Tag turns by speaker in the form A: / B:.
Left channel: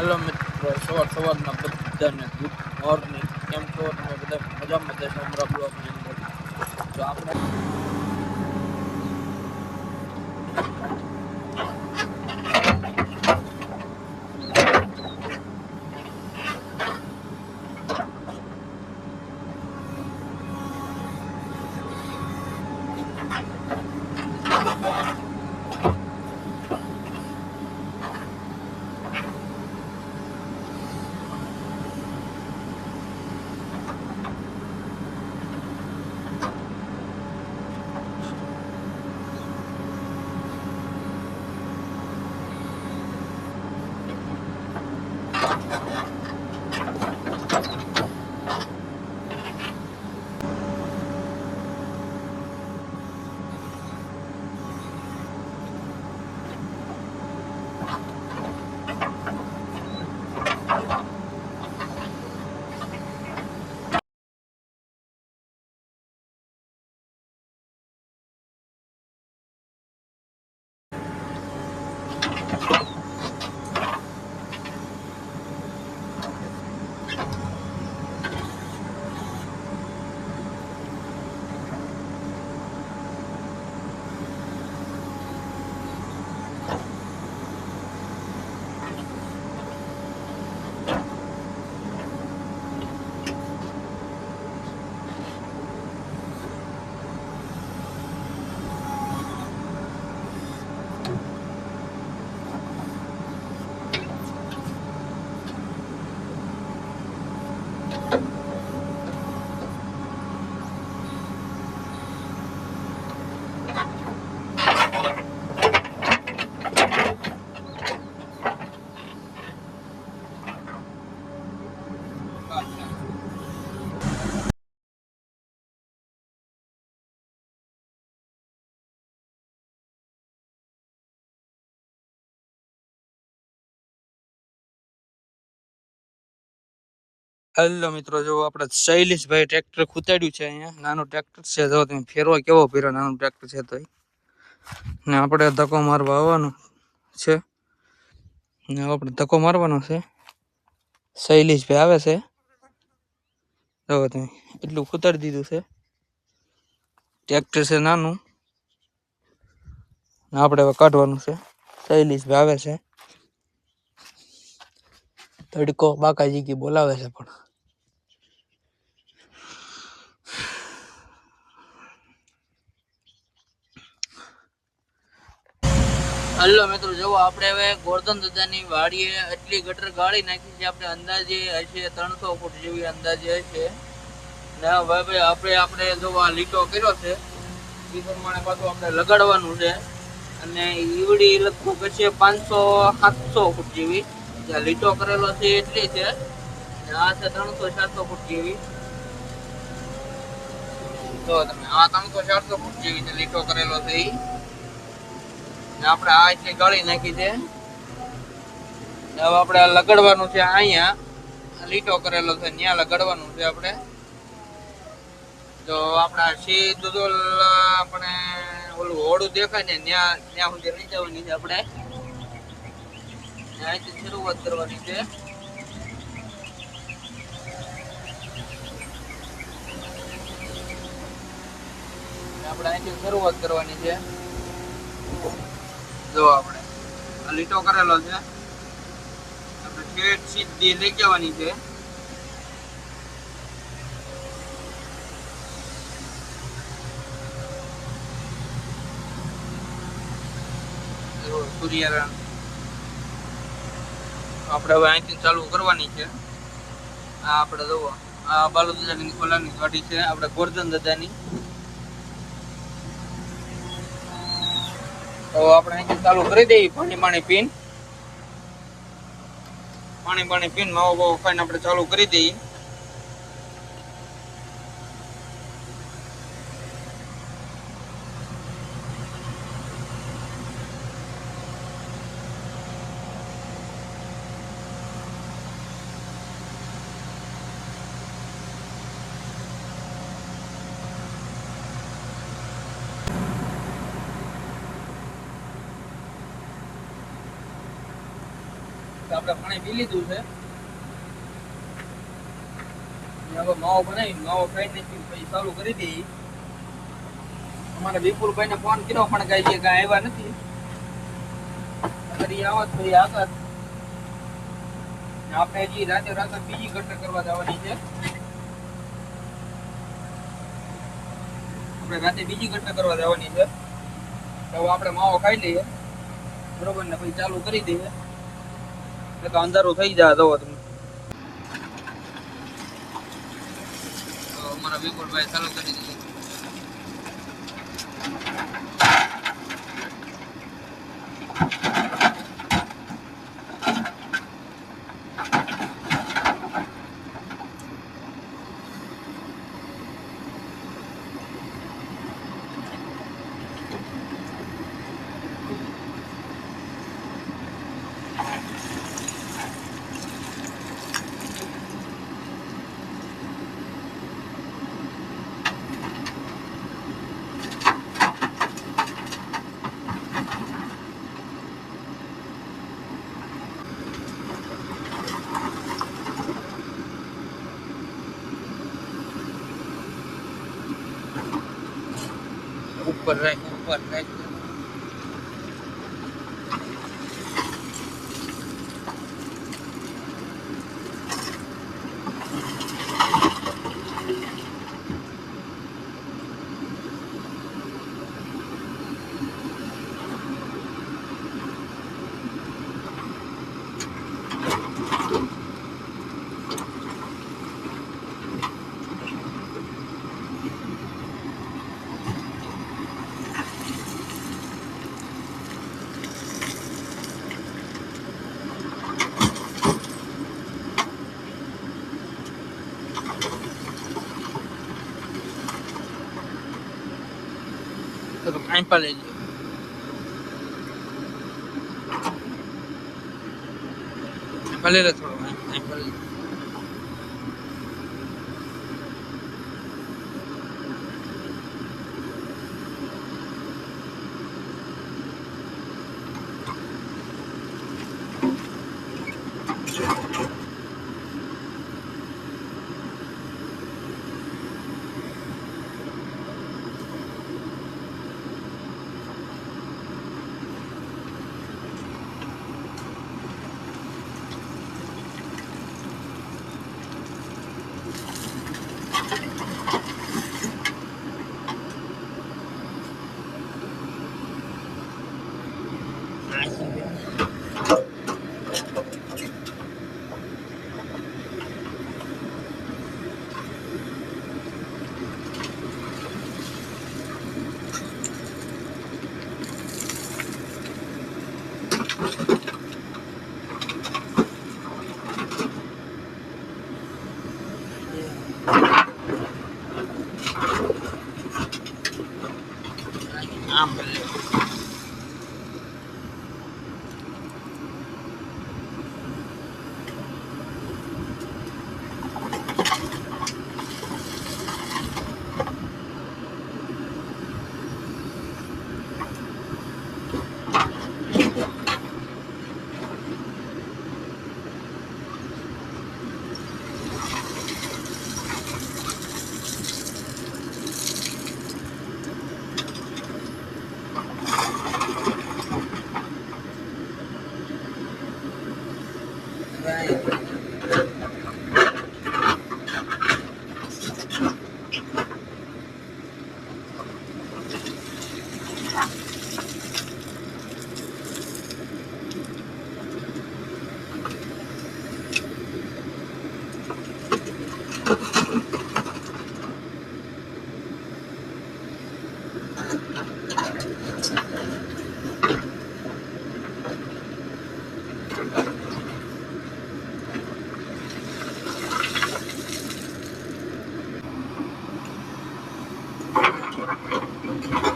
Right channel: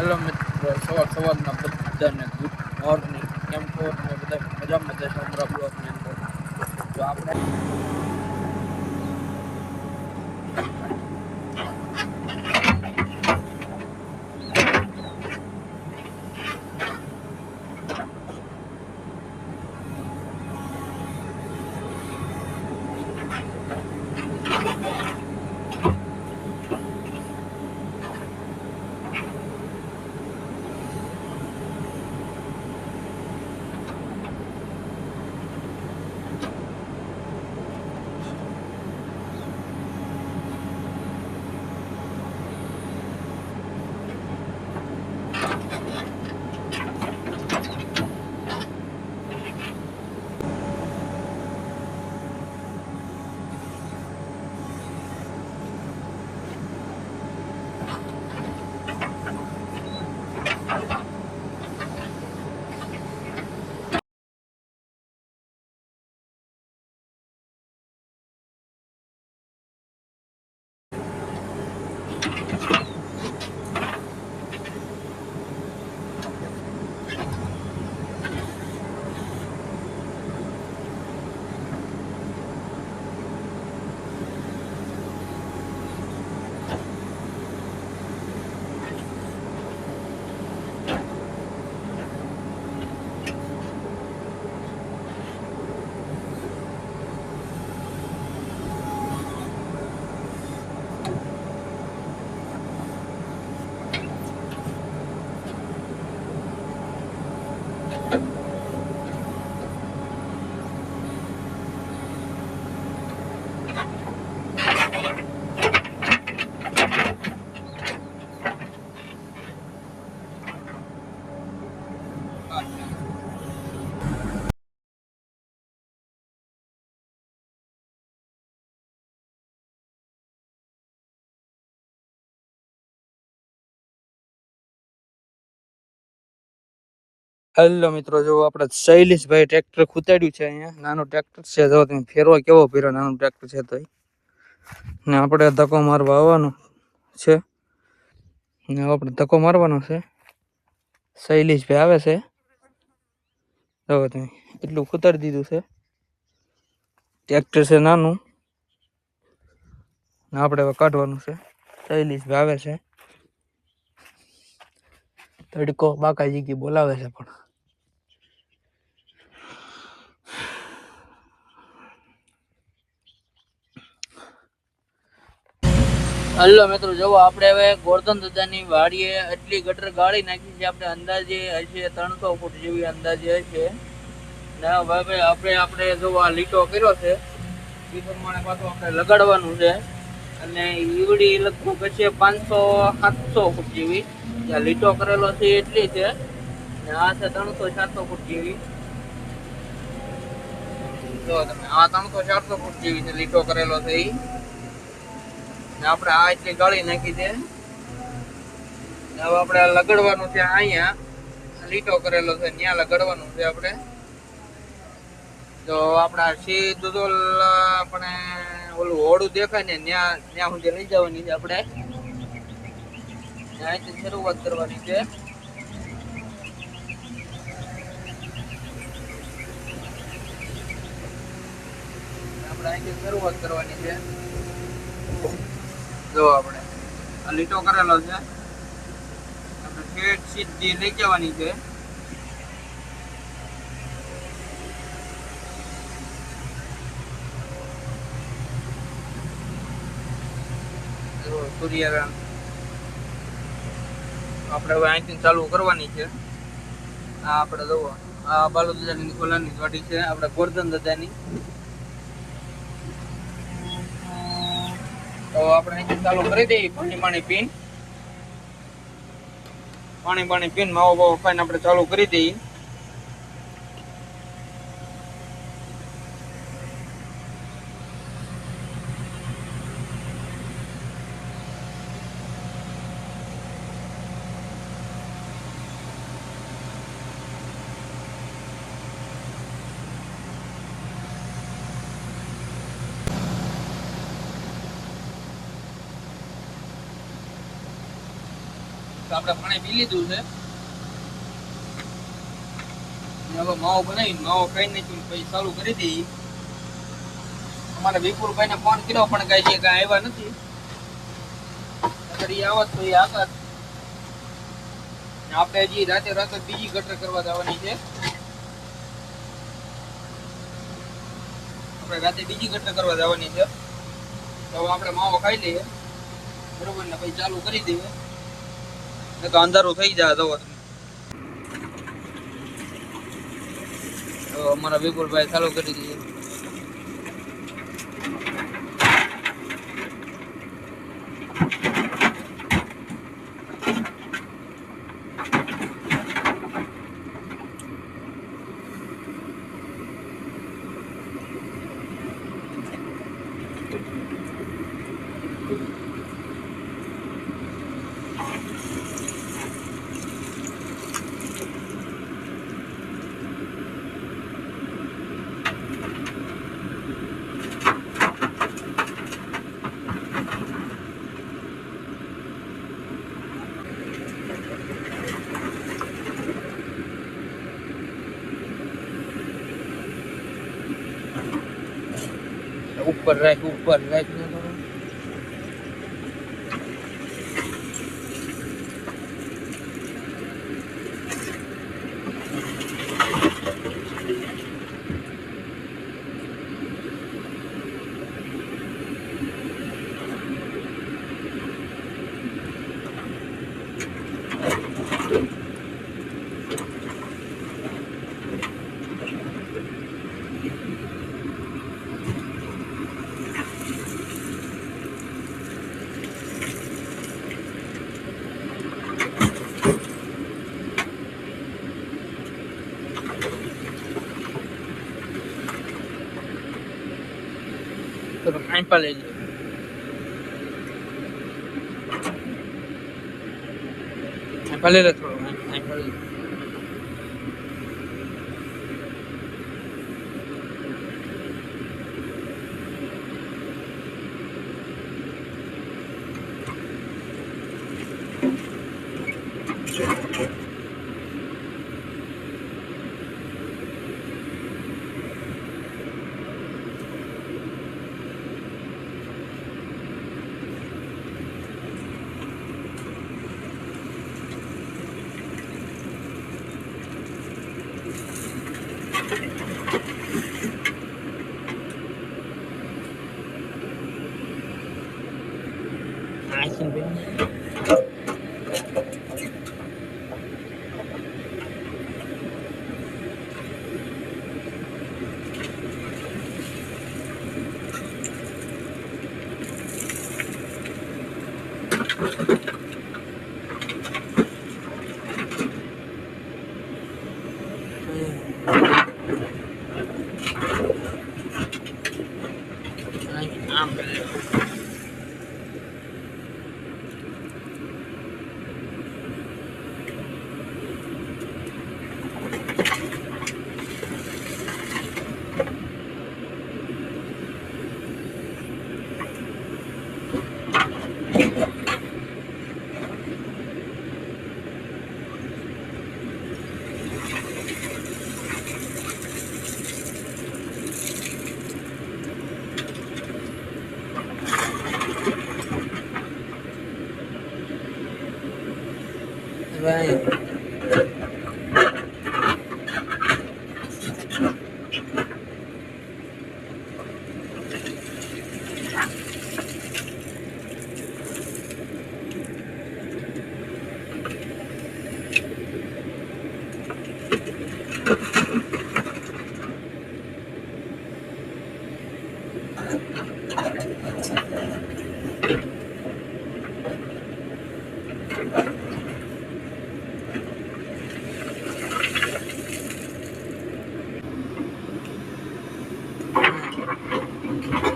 A: Hello મિત્રો, સવાર સવારના બધાને ગુડ મોર્નિંગ. કેમ છો? બધા મજામાં જશો અમારા બ્લોગની અંદર. આપણે હેલો મિત્રો, જો આપણે શૈલેષભાઈ ટ્રેક્ટર ખૂતાડ્યું છે અહીંયા. નાનું ટ્રેક્ટર છે, જો તમે ફેરવા કેવો ફેરો, નાનું ટ્રેક્ટર છે તો ને આપણે ધક્કો મારવા આવવાનો છે. ને આપણે ધક્કો મારવાનો છે. શૈલેષભાઈ આવે છે. જો તમે એટલું ખૂતાડી દીધું છે. ટ્રેક્ટર છે નાનું. ને આપણે હવે કાઢવાનું છે. શૈલેષભાઈ આવે છે. તડકો બાકાજી કી બોલાવે છે પણ. હલો મિત્રો, જુઓ, આપણે હવે ગોરધન દાદાની વાડીએ એટલી ગટર ગાળી નાખી છે. આપણે અંદાજે હશે ત્રણસો ફૂટ જેવી અંદાજે હશે. ને હવે આપણે આપણે જો આ લીટો કર્યો છે. એ પ્રમાણે પાછું આપણે લગાડવાનું છે. અને ઈવડી લગભગ હશે પાંચસો, સાતસો ફૂટ જેવી. જ્યાં લીટો કરેલો છે એટલી છે. ને આ છે ત્રણસો, ચારસો ફૂટ જેવી. જો તમે, આ ત્રણસો, ચારસો ફૂટ જેવી છે, લીટો કરેલો છે ઈ. આપણે આ એટલી ગાળી નાખી છે. હવે આપણે લગડવાનું છે અહીંયા. લીટો કરેલો છે ત્યાં લગાડવાનું છે આપણે. તો આપણા સીધું તો આપણે ઓલું હોડું દેખાય ને ત્યાં ત્યાં સુધી લઈ જવાની છે આપણે. અહીંથી શરૂઆત કરવાની છે. આપણે અહીંથી શરૂઆત કરવાની છે. જો આપણે. આ લીટો કરેલો છે. આપણે ઠેઠ સીધી લઈ જવાની છે. જો સૂર્યરણ આપણે હવે અહીંથી ચાલુ કરવાની છે. આ આપણે જુઓ આ બાલુ દાદાની ખોલાની વાડી છે. આપણે ગોરધન દાદાની. તો આપણે ચાલુ કરી દઈએ પાણી પાણી પીન. પાણી પાણી પીન, માવો બાવો ખાઈને આપણે ચાલુ કરી દઈએ. આપણે પાણી પી લીધું છે. હવે માવો બનાવી માવો ખાઈ નાખ્યું પછી ચાલુ કરી દઈએ અમારા વિપુલભાઈને ફોન કર્યો, પણ કઈ છે કાંઈ આવ્યા નથી. આવત તો એ આગળ. આપણે હજી રાતે રાતે બીજી ગટર કરવા જવાની છે. આપણે રાતે બીજી ગટર કરવા જવાની છે. તો આપણે માવો ખાઈ લઈએ. બરોબર ને, પછી ચાલુ કરી દઈએ. અંધારું થઈ જાય તો તમે. અમારા વિપુલભાઈ ચાલુ કરી દઈએ ઉપર રાખ ઉપર રાખ તો કાંઈ પણ લઈ લો ભલે લે થોડું કાંઈ ભલે લે. Thank you. Right. Thank you.